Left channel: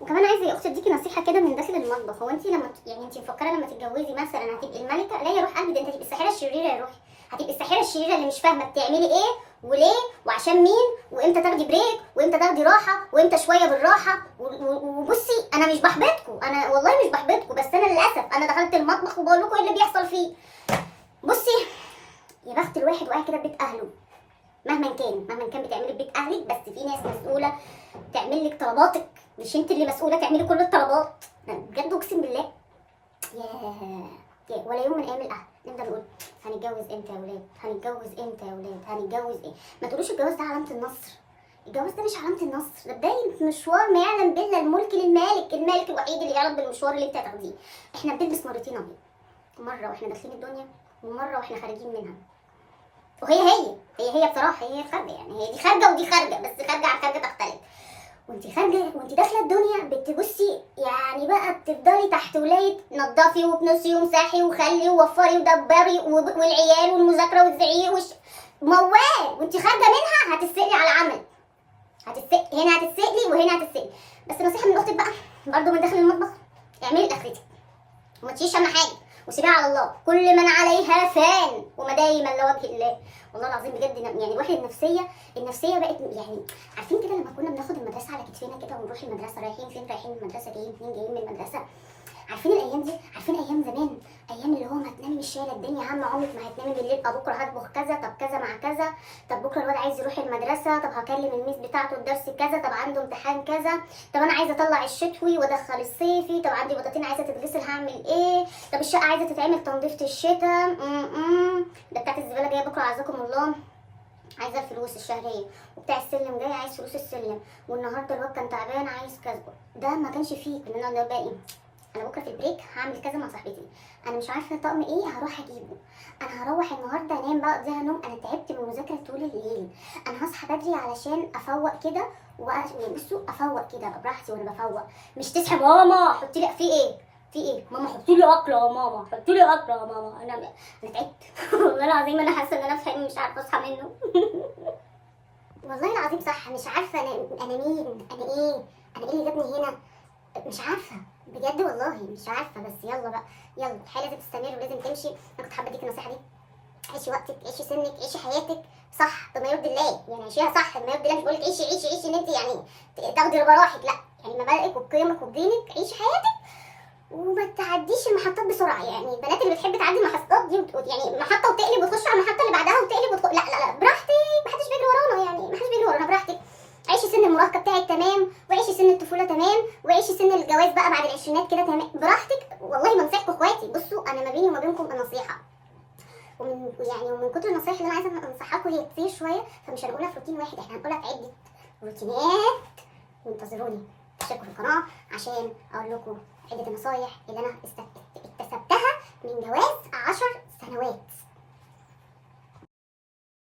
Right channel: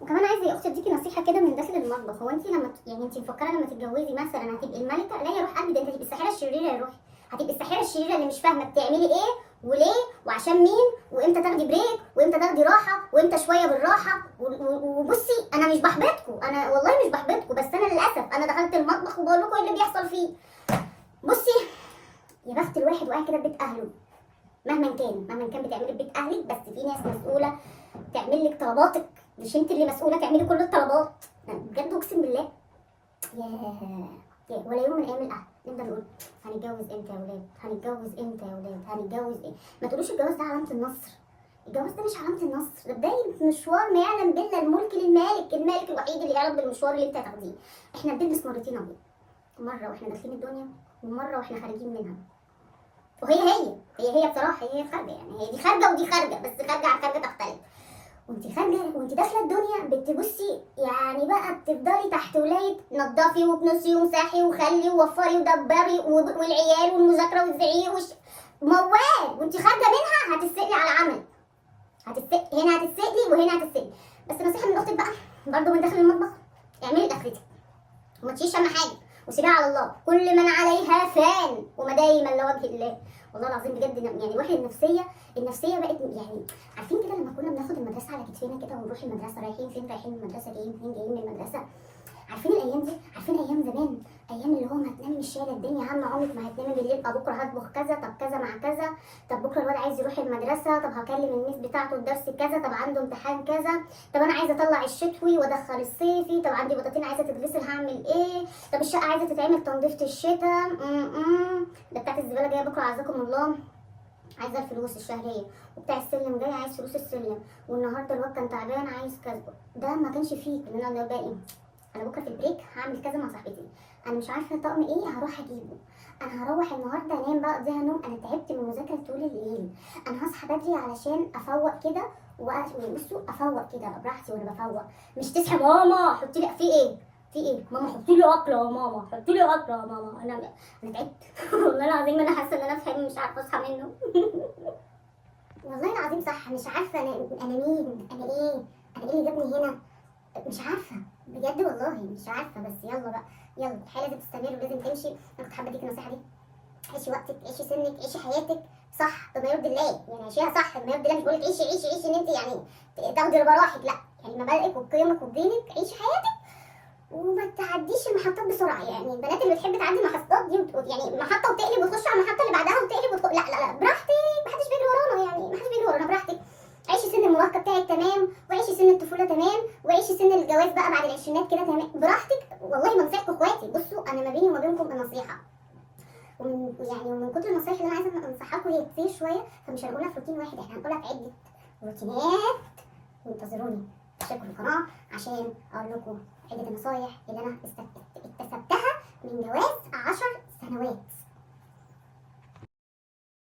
وكمان عايزه يا اختي اديكي نصيحه كده من داخل المطبخ. هو انت لما يعني انت مفكره لما تتجوزي مثلا هتبقي الملكه؟ لا يا روح قلبي، ده انت هتبقي الساحره الشريره يا روحي. هتبقي الساحره الشريره اللي مش فاهمه بتعملي ايه وليه وعشان مين، وامتى تاخدي بريك وامتى تاخدي راحه وامتى شويه بالراحه. وبصي انا مش بحبطكم، انا والله مش بحبطكم، بس انا للاسف انا دخلت المطبخ وبقول لكم ايه اللي بيحصل فيه. بصي يا بخت الواحد وقاعد كده في بيت اهله، مهما كان بتعملي في بيت اهلك، بس في ناس مسؤوله تعمل لك طلباتك، مش انت اللي مسؤوله تعملي كل الطلبات. بجد اقسم بالله. ولا يوم من ايام الاهل نبدا نقول هنتجوز امتى يا ولاد، هنتجوز امتى يا ولاد، هنتجوز ايه. ما تقولوش الجواز ده علامه النصر، الجواز ده مش علامه النصر، ده بدايه مشوار ما يعلم بالله الملك للمالك، المالك الوحيد اللي يعلم بالمشوار اللي انت هتاخديه. احنا بنلبس مرتين ابيض، مره واحنا داخلين الدنيا ومره واحنا خارجين منها. وهي بصراحه هي خارجه، يعني هي دي خارجه ودي خارجه، بس خارجه عن خارجه تختلف. وانت خارجه وانت داخله الدنيا بتبصي يعني بقى بتفضلي تحت ولايه نضفي وكنسي ومسحي وخلي ووفري ودبري والعيال والمذاكره والزعيق موال. وانت خارجه منها هتسألي على عمل، هنا هتتسألي وهنا هتتسألي. بس نصيحه من اختك بقى برضو من داخل المطبخ، اعملي لاخرتك وما تشيلش هم حاجه وسيبيها على الله. كل من عليها فان وما دايما لوجه الله. والله العظيم بجد يعني الواحد النفسيه بقت يعني عارفين كده لما كنا بناخد المدرسه على كتفنا كده ونروح المدرسه، رايحين فين رايحين من المدرسه، جايين فين جايين من المدرسه. عارفين الايام دي، عارفين ايام زمان، ايام اللي هو ما تنامي مش شايله الدنيا هم عمرك ما هتنامي بالليل. طب بكره هطبخ كذا، طب كذا مع كذا، طب بكره الواد عايز يروح المدرسه، طب هكلم الميس بتاعته الدرس كذا، طب عنده امتحان كذا، طب انا عايزه اطلع الشتوي وادخل الصيفي، طب عندي بطاطين عايزه تتغسل هعمل ايه، طب الشقه عايزه تتعمل تنظيفه الشتاء، ده بتاعت الزباله جايه بكره عزكم الله عايزه الفلوس الشهريه، وبتاع السلم جاي عايز فلوس السلم، والنهارده الواد كان تعبان عايز كذا. ده ما كانش فيه، كنا نقعد بقى ايه، انا بكره في البريك هعمل كذا مع صاحبتي، انا مش عارفه طقم ايه هروح اجيبه، انا هروح النهارده انام بقى اقضيها نوم، انا تعبت من المذاكره طول الليل، انا هصحى بدري علشان افوق كده بصوا افوق كده ابقى براحتي وانا بفوق. مش تصحي ماما حطي لي في ايه ماما حطي لي اكله يا ماما، حطي لي اكله يا ماما. انا تعبت والله العظيم انا حاسه ان انا في حلم مش عارفه اصحى منه والله العظيم صح، مش عارفه انا مين، انا ايه اللي جابني هنا، مش عارفه بجد والله مش عارفه. بس يلا بقى، يلا الحياه لازم تستمر ولازم تمشي. انا كنت حابه اديك النصيحه دي، عيشي وقتك، عيشي سنك، عيشي حياتك صح بما يرضي الله، يعني عيشيها صح بما يرضي الله. مش بقولك عيشي ان انت يعني تاخدي براحتك، لا يعني مبادئك وقيمك ودينك، عيشي حياتك وما تعديش المحطات بسرعه. يعني البنات اللي بتحب تعدي المحطات دي يعني محطه وتقلب وتخش على المحطه اللي بعدها وتقلب لا براحتك، محدش بيجري ورانا، يعني محدش بيجري ورانا، براحتك. عيشي سن المراهقه بتاعك تمام، وعيشي سن الطفوله تمام، وعيشي سن الجواز بقى بعد العشرينات كده تمام، براحتك. والله بنصحكم اخواتي، بصوا انا ما بيني وما بينكم النصيحه، ومن كتر النصايح اللي انا عايزه انصحها لكم هي كتير شويه، فمش هنقولها في روتين واحد، احنا هنقولها في عده روتينات. وانتظروني اشتركوا في القناه عشان اقول لكم عده النصايح اللي انا اكتسبتها من جواز 10 سنوات.